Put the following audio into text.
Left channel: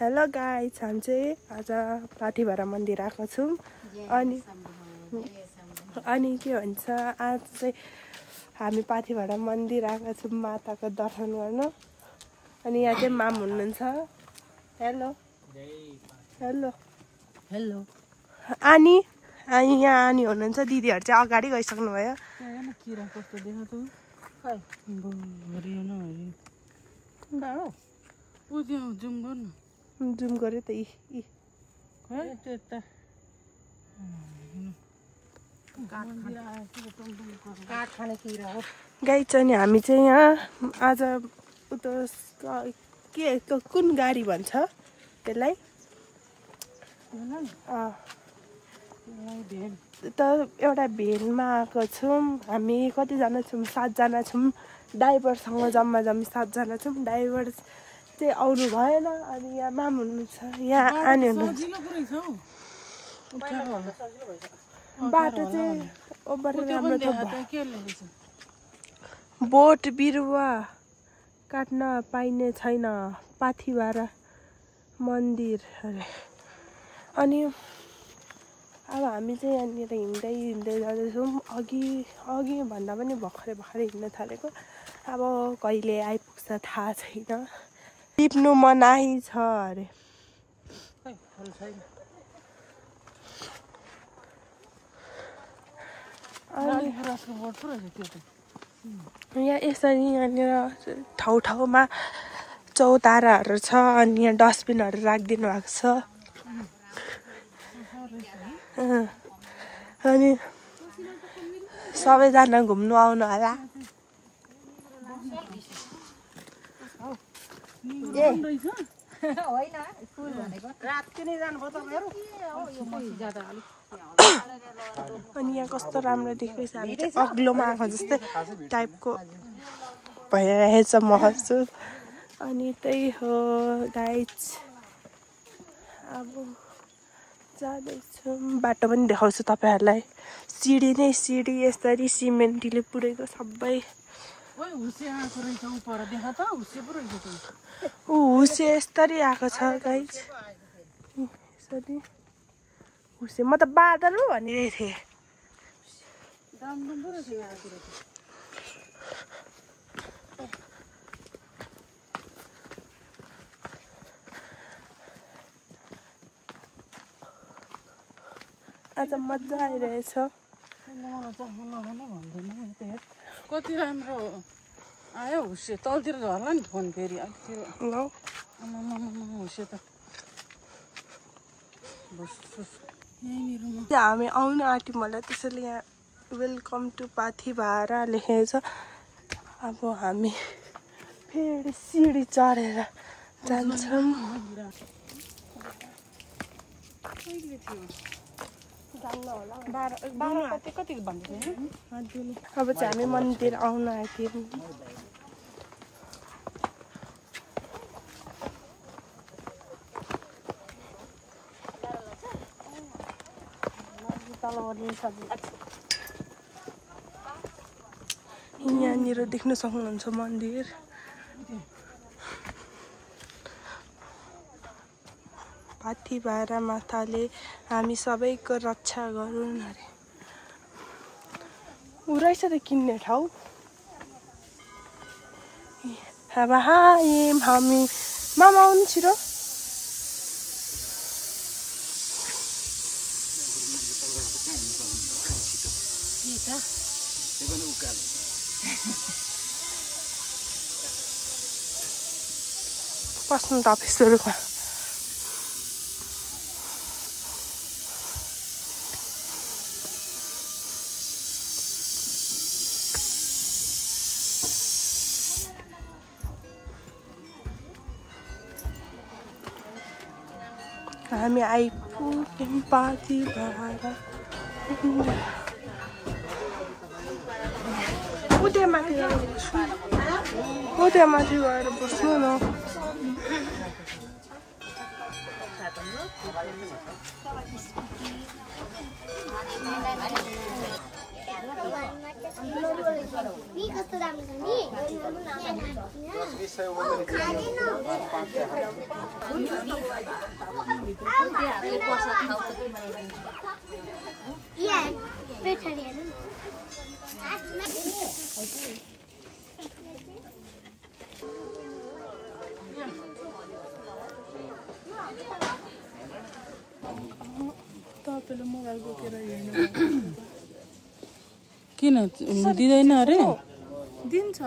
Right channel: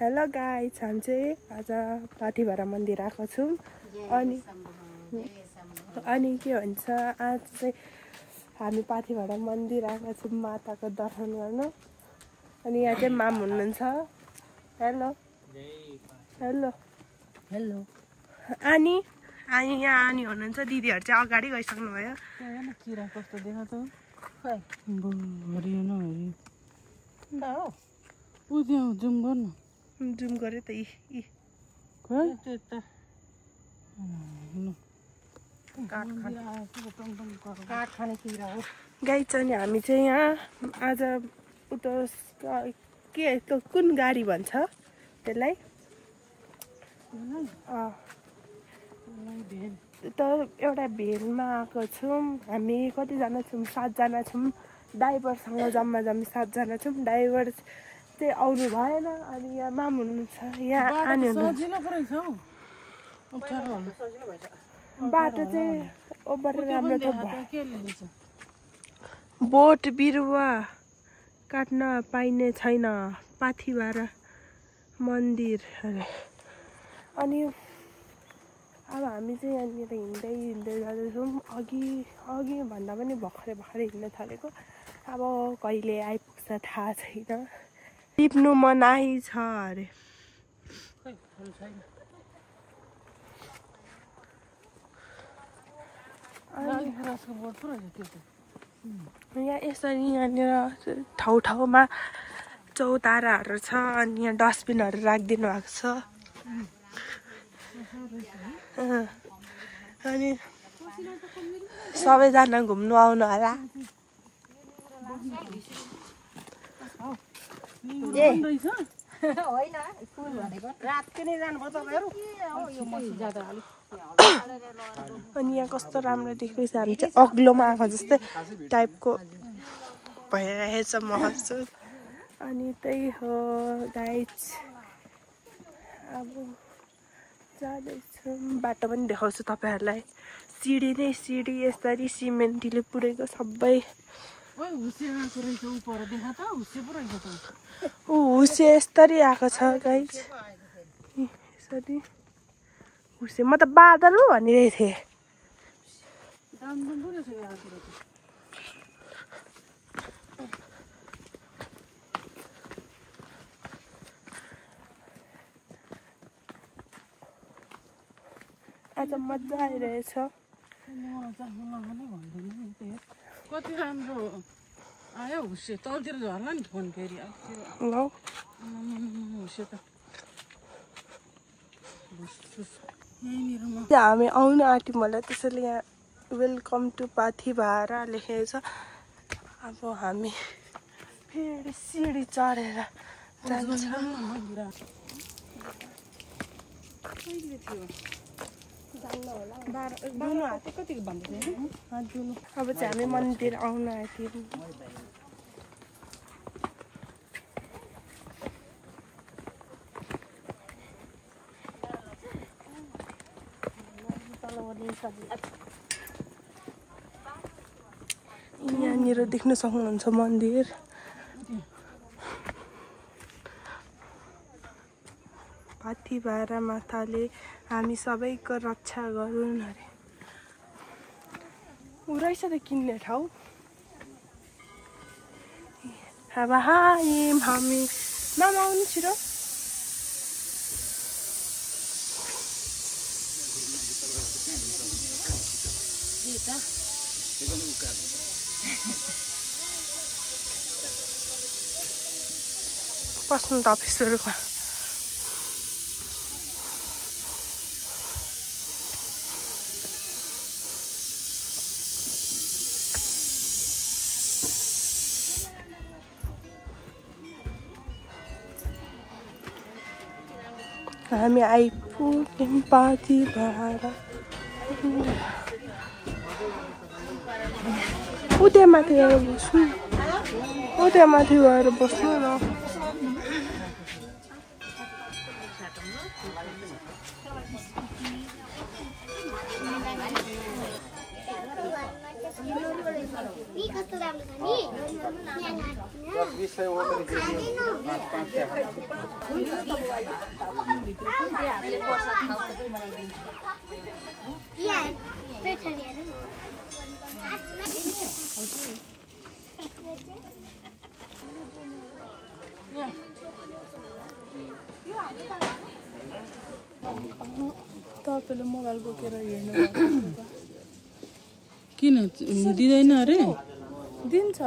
Hello guys, हामी चाहिँ आज पाथिभरा मन्दिर आएको छौँ। अनि के भन्छ, आज चाहिँ हामी पाथिभरा मन्दिर आएको छौँ माताको दर्शन गर्न। अनि यहाँ चाहिँ माम हुनुहुन्छ। हेलो हेलो हेलो अनि यहाँ आनी हुनुहुन्छ। दिदीहरू चाहिँ अगाडि गइसक्नु भयो। किरा कस्तो देखा त जुम गऱ्यो त गाई चाहिँ नि हामी चाहिँ यहाँ आज उता के कुन गाडी भन्छ त्यसलाई त एउटा भेनमा आएको छौँ। हामी कतिजना छौँ? 7 जना छौँ। ड्राइभरसँग जम्मा 7 जना छौँ। ड्राइभर चाहिँ आउनु भएन। अनि यहाँ माम हुनुहुन्छ, यहाँ आनी हुनुहुन्छ। बाटो चाहिँ ओभर राम्रो त बोट बिरुवा काट्न पाइने छैन पाथिभरा मन्दिर अरे। अनि अब हामी चाहिँ यहाँनिर हिँड्दै जाँदैछौँ। अघि भन्दा पनि भर्खरै हिँड्न थालेको। अब कहिले आइपुग्छ थाहा छैन। टिप्नु मनाही छ अरे। यहाँ यसरी यहाँनिर ठाउँमा चौताराहरू छ। अनि यहाँ डस्टबिनहरू राखिदिनु भएको छ। अनि सबैजना घुम्नु आउनु होला। अनि यहाँ कस्तो राम्रो देख्दैछ। हामी चाहिँ अग्लोमा आएको जस्तै टाइपको भइरहेछ महसुस। अनि त्यही हो गाइस, अब जाँदैछौँ। बाटो पनि देखाउँछु तपाईँहरूलाई। सिडी नै सिडी यसरी सिमेन्टले पुरेको सबै। हुसे यस्तरी आएको छ गाइस। यसरी हुसे म त बादल हो भनिरहेको थिएँ। आज मजा आइरहेछ। कति राम्रो आयो हुसे। तलतिर झर्ला नि फोन फेरि हुसे त। हामी आउनु आँट्यौँ मलाई, त्यसैले यहाँ वेलकम टु पाथिभरा लेखेको छ। अब हामी फेरि सिडी चढेर जान्छौँ। अब चाहिँ हामी मन्दिर आउन आँट्यौँ। यहाँनिर देख्न सक्नुहुन्छ मन्दिर। पाथिभरा माताले हामी सबैको रक्षा गरून् अरे। उराइछ त किन्ने ठाउँ। अब हामी मामा आउनु छिटो। पस्नु त अफिसहरूमा। हामी आइपुग्यौँ पाथिभरा। उतै माथि गएर बस्नु न। तपाईँले मोबाइल बोकेर हेर्नु किन दिँदैन अरे दिन्छ